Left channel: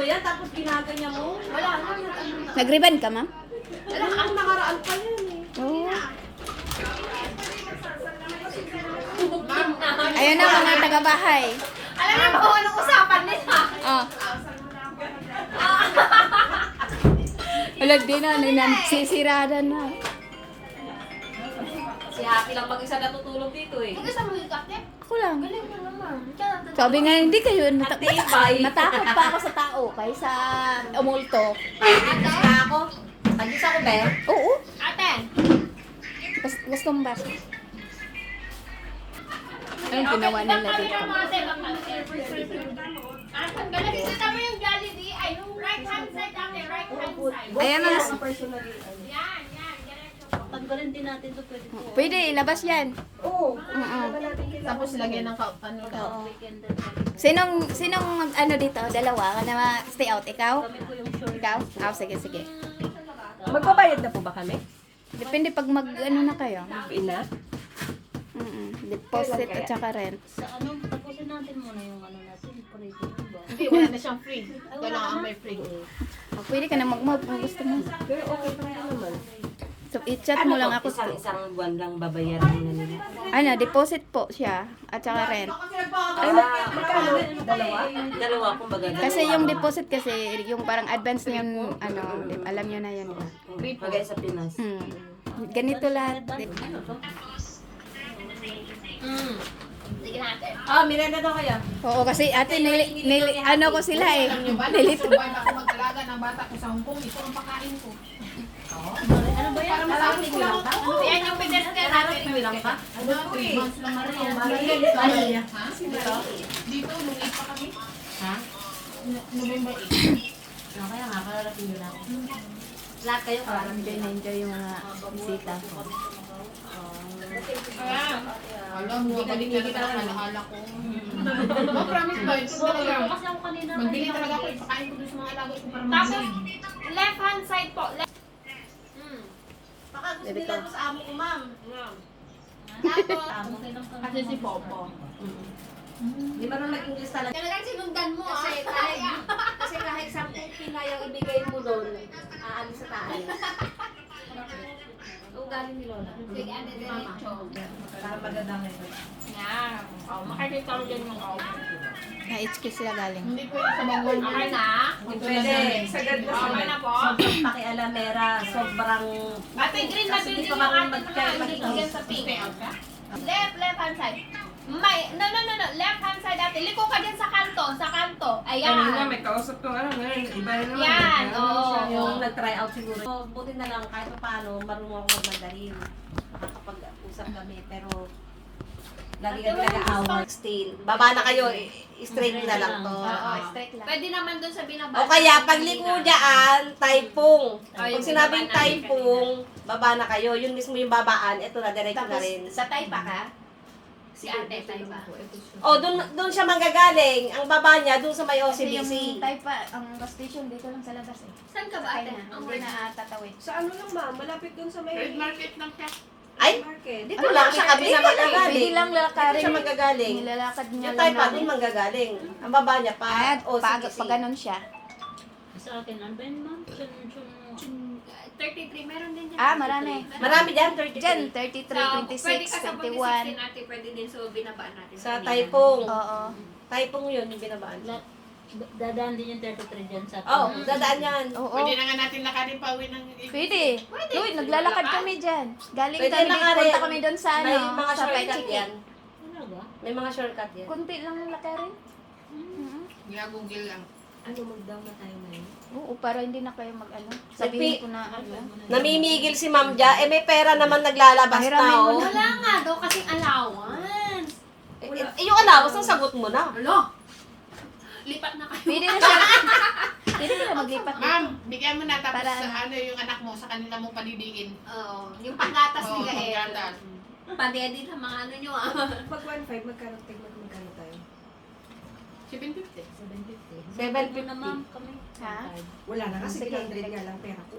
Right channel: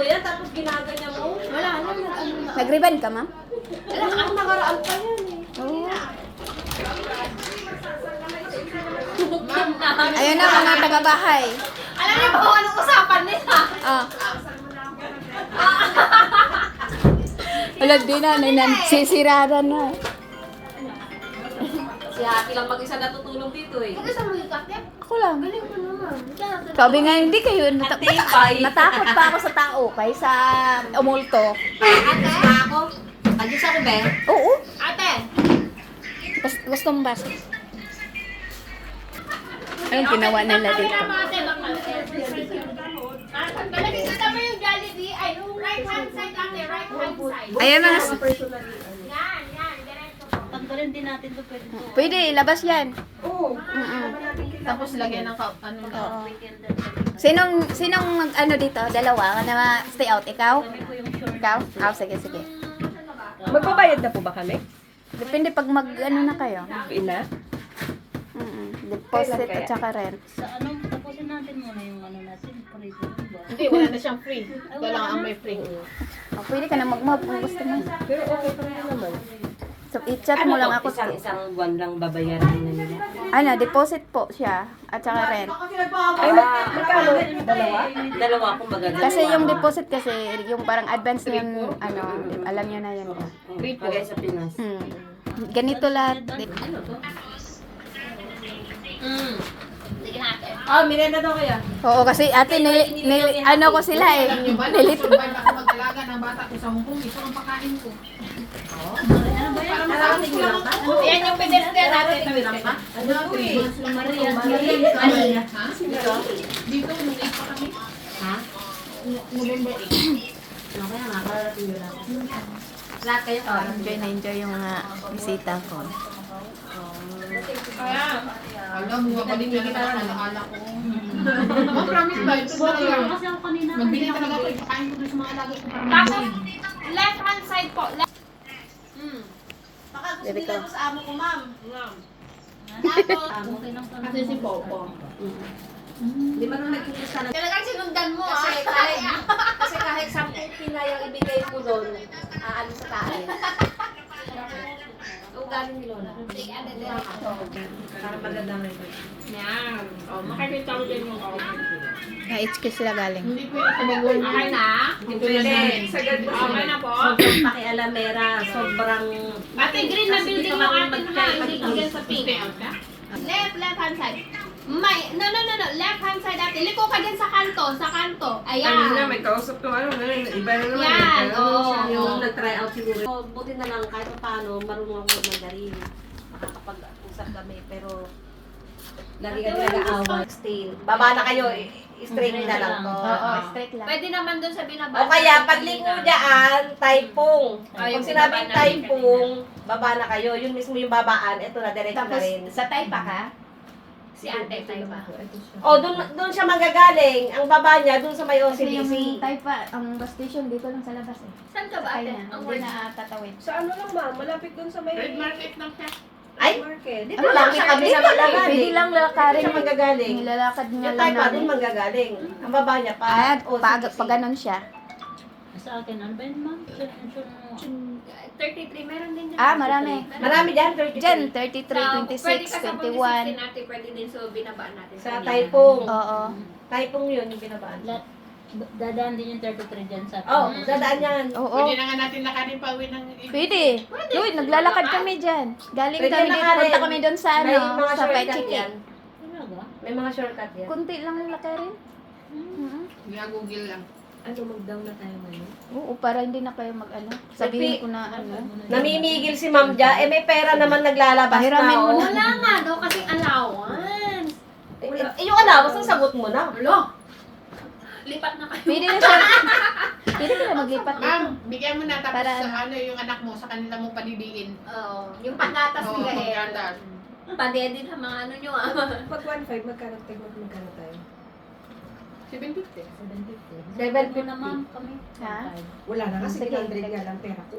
mo yan, tapos ginaganyan mo. Wala na. Nag-ribbon ka, ma'am? Wala, ang nakaraan pa yan eh. Oo. Ayun na mga taga-bahay. Alam niyo po anong usapan nila? Oh. Wala din na, sisirada na. Si Hati lang mag-isa natutulog dito eh. Gusto mo ikakip? Ako lang. Galing mo naman. Sabi nga, hindi kayo Natibay. natakot pa ako sa tao kaysa umulto. Ate? Gusto ako? Tagis ako ba? Oo. Ate! Gusto mo ba? Anong ginawa nila dito? Balagay sa tabi yung Jollibee. Ay, yung right hand side ate, right hand side. Ayan mga... Yan, ganito. Tanggalin din natin to pwede po. Pwede, ilabas yan. Oo. Tapos lagyan ng ano. Oo. Sinong mag-ano dito? Dalawa? Na stay out? Ikaw? Ikaw? Ah, sige, sige. Magbabayad na po ba kami? Depende pag mag-ano na kayo. Ina? Deposit at saka rent. Sa ano, tapusin natin muna yung ano natin, free ko ba? Hindi, wala na siyang free. Ito lang ang may free. O, pwede ka na mag-move kung gusto mo. Pero okay pa rin naman. So, i-chat mo lang ako. Isang buwan lang babayaran na nila. Ano, deposit po siya at saka rent. Ay, magkano? Dalawa? Dalawa kung baga. Kasi yung deposit kasi, yung parang advance na yung, ano, alam nyo na yan. Bagay sa Pinas. Ganito lahat. Sige natin. Ah, minenda daw kaya? Oo, kasi ate, ano ko sila eh. Nilito. Ako mag-alaga ng bata ko sa Hong Kong. Ito ang pakain ko. Maraming lang ba? Yan yung pedestal natin. Ano to eh? Maria. Maria. Ha? Dito, nung 8 pa kami. Ha? November 8. Ano kaya nga? Kararating lang. Lahat kayo kararating lang. Enjoy yung mga bisita ko. Alam mo, galing na kita na nakahala ko. Ma, promise ba? Ito ba lang? Kasi ako kanina, Magbili talaga ako. Ipakain ko doon sa mga alaga ko para Tapos, mag-breed. left hand side po. Baka gusto Dito. nila ko sa amo ko, ma'am. okay lang kami. Kasi si Popo. Di ba nung nagkikita na? Talagang sinundan mo Kasi kahit 10 pina yung ibigay mo doon, ano sa taas. Ugaling ni Lola. Para magandamay ko. Yan. O, makikita mo dyan yung Na-HK sila galing. Hindi pwede sa bagwan. Okay na? Pwede. Sa ganito. Okay na po. Sobrang pakialamera, sobrang... Ate, green na Kasi building dito yung kami ate mo na. magkaya- Hindi ko yan sa pink. Stay out ka? Left hand side. May, no. Left hand side ate. Liko ka dyan sa kanto. Ayan. may kausap ko, ano, iba na naman. Yan, oo. Yung nag-try out siguro. So, buti na lang kahit paano, marunong ako mag-mandarin. Nakakapag-usap kami, pero lagi kami nag-aaway. Stay. Baba na kayo, straight na lang to. Oo, straight lang. Pwede naman dun sa binaba. O kaya, pagliko dyan, taipong. Ay, Pag yung sinabing binaba natin taipong, baba na kayo. Yun mismo yung babaan, ito na, diretso na Tapos, rin. sa Taypa ka? Si ate, tayo ba? O, dun siya manggagaling. Ang baba niya, dun sa may Kasi yung OCBC. Taypa, ang bus station dito lang sa labas eh. Saan ka ba Kaya ate? na, hindi na tatawid. Sa ano lang ma'am, malapit dun sa may Red market lang siya. Ay, market. dito lang siya kami na Pwede manggagaling. lang lakarin. Siya manggagaling. Nilalakad nga Yung lang tayo pa, namin. dun manggagaling. Ang baba niya pa, At OCBC. pag ganon siya. Sa akin, ano ba yun, ma'am? 33, meron din dyan. Ah, marami. Marami dyan, 33. Diyan, 33, Pwede 26, ka sa 21. ate, pwede din so binabaan natin. Sa Taipong. Oo. Taipong yun, yung binabaan. Dadaan din yung 33 dyan sa Oh, dadaan yan. Oo. Pwede na nga natin lakarin pa uwi ng... Pwede. Uy, naglalakad kami dyan. Galing Pwede kami na dito. nga rin. Punta kami doon sa May ano, mga sa shortcut Pechiki. yan. Talaga? May mga shortcut yan. Kunti lang ang lakarin. Google lang. Ano, mag-down na tayo ngayon? Oo, para hindi na kayo mag-ano. Sabihin ko na ano. Namimigil si Ma'am Ja. Eh, may pera naman naglalabas na. Pahiramin mo Oh. Wala nga daw kasi allowance. Yung allowance, ang sagot mo na. Alo. Lipat na kayo. Pwede na siya. Pwede na maglipat dito. Ma'am, bigyan mo na tapos Para sa ano yung anak mo sa kanila mo panidiin. Oo. Yung panggatas ni Gael. Panggatas. Padedit ang mga ano nyo. pag 1.5, magkano tayo? 750. 750. na, ma'am, kami. Ha? Wala na kasi Sige. 100 nga lang pera ko.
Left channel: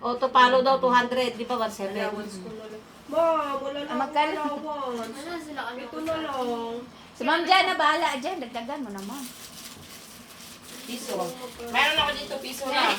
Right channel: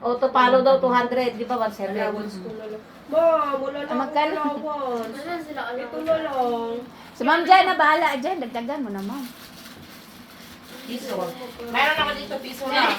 O, to paano daw? 200. Di ba? Allowance ko na lang. Ma'am, wala na akong magkano? allowance. Wala sila Ito na lang. Si Ma'am Jan na bahala dyan. Dagdagan mo na, Ma'am. Piso. Meron ako dito piso na.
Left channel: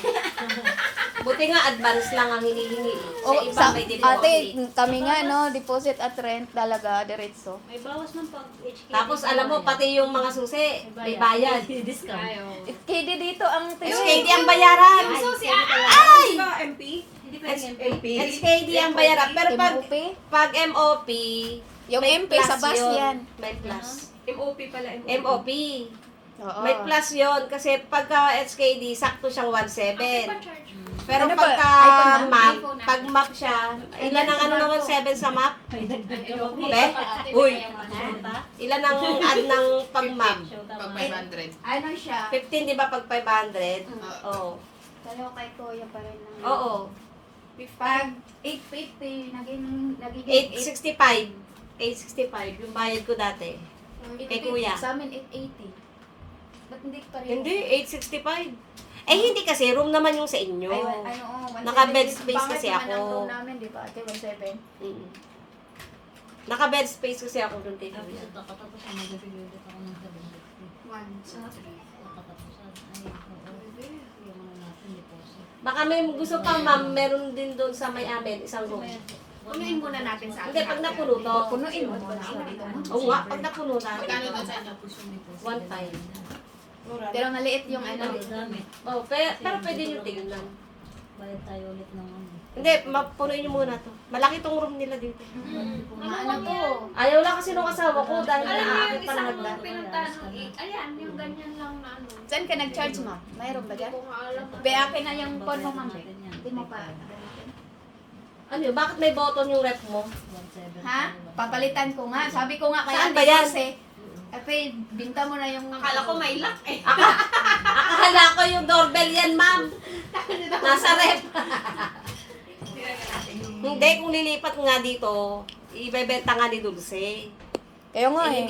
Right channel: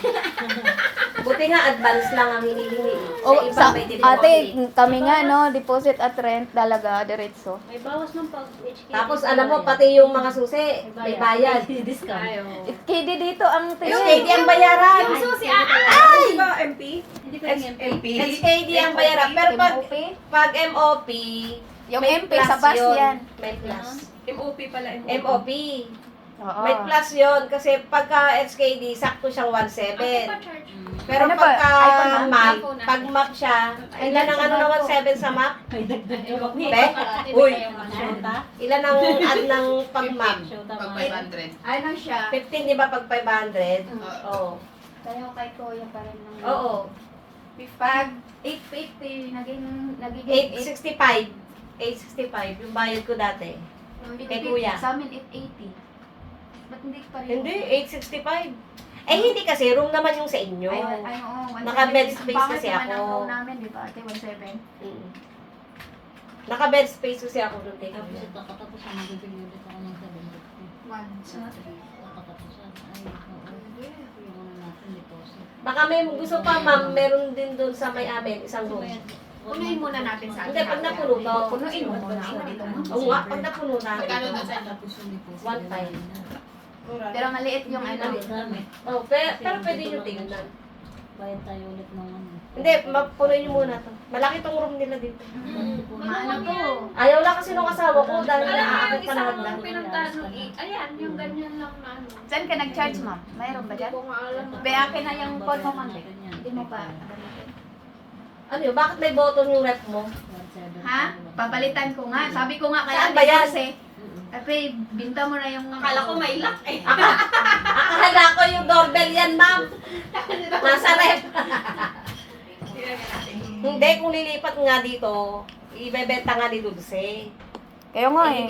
Buti nga advance lang ang hinihingi. O, Sa iba sa, may deposit. ate, kami nga, no, deposit at rent talaga, diretso. May bawas ng pag-HK. Tapos alam mo, pati yung mga susi, may bayad. Discount. KD dito ang SKD ang bayaran. Yung susi, Di ba MP? Hindi pa yung MP. SKD ang bayaran. Pero pag MOP, Yung may MP sa plus bus yun. yan. May plus. MOP pala, MOP. Oo. May plus yun kasi pagka SKD, sakto siyang 1.7. Pero Ano ba? pagka iPhone na? map, iPhone na. pag map siya, ilan ang ano ng 1.7 sa map? May dagdag ka ba? Be? Uy! Shota? Ilan ang add ng pag map? Shota Pag ba? 500. Ano siya? 15, di ba pag 500? Oo. Tayo kay Kuya pa rin ng... Oo. Pag 850, naging 865. 865, yung bayad ko dati. Kay Kuya. Sa amin, 880. Ba't hindi pa rin? Hindi, 865. Eh, hindi kasi, room naman yung sa inyo. Ay, oo. Naka-bed space kasi Pangit naman ako. ang room namin, di ba? Ate, 17. Mm. Naka-bed space kasi ako doon, kay Tapos Kuya. ito, katapos ang magiging ulit ako ng 750. 1, sa Katapusan. Ay, oo. Yung ano natin, deposit. Baka may gusto pa, ma'am, meron din doon sa may amin, isang room. Punuin muna natin sa Hindi, pag napuno to. Punuin mo muna ako dito. Oo nga, pag napuno na. Magkano daw sa Tapos yung deposit. One time. Pero maliit yung ano. Dami. Oh, pero pwede nyo tingnan. Bayad tayo ulit ng ano. Hindi, mapunoy nyo muna to. Malaki tong room nila dito. Maano to? Ayaw lang kasi nung asawa ko dahil Alam mo yung naaakit pa isang naman na. pinuntahan ng ayan, yung ganyan lang na ano. Saan ka nag-charge mo? Mayroon ba dyan? Hindi ko nga alam. Akin na yung phone mo, ma'am. Hindi mo pa. Ano yun? Bakit may button yung rep mo? Ha? Papalitan ko nga. Sabi ko nga kaya Saan ba yan? Ate, binta mo na yung... Akala ko may lock eh. Akala ko yung doorbell yan, ma'am. Nasa rep. Hindi, kung lilipat nga dito, ibebenta nga ni Dulce. Kaya nga eh.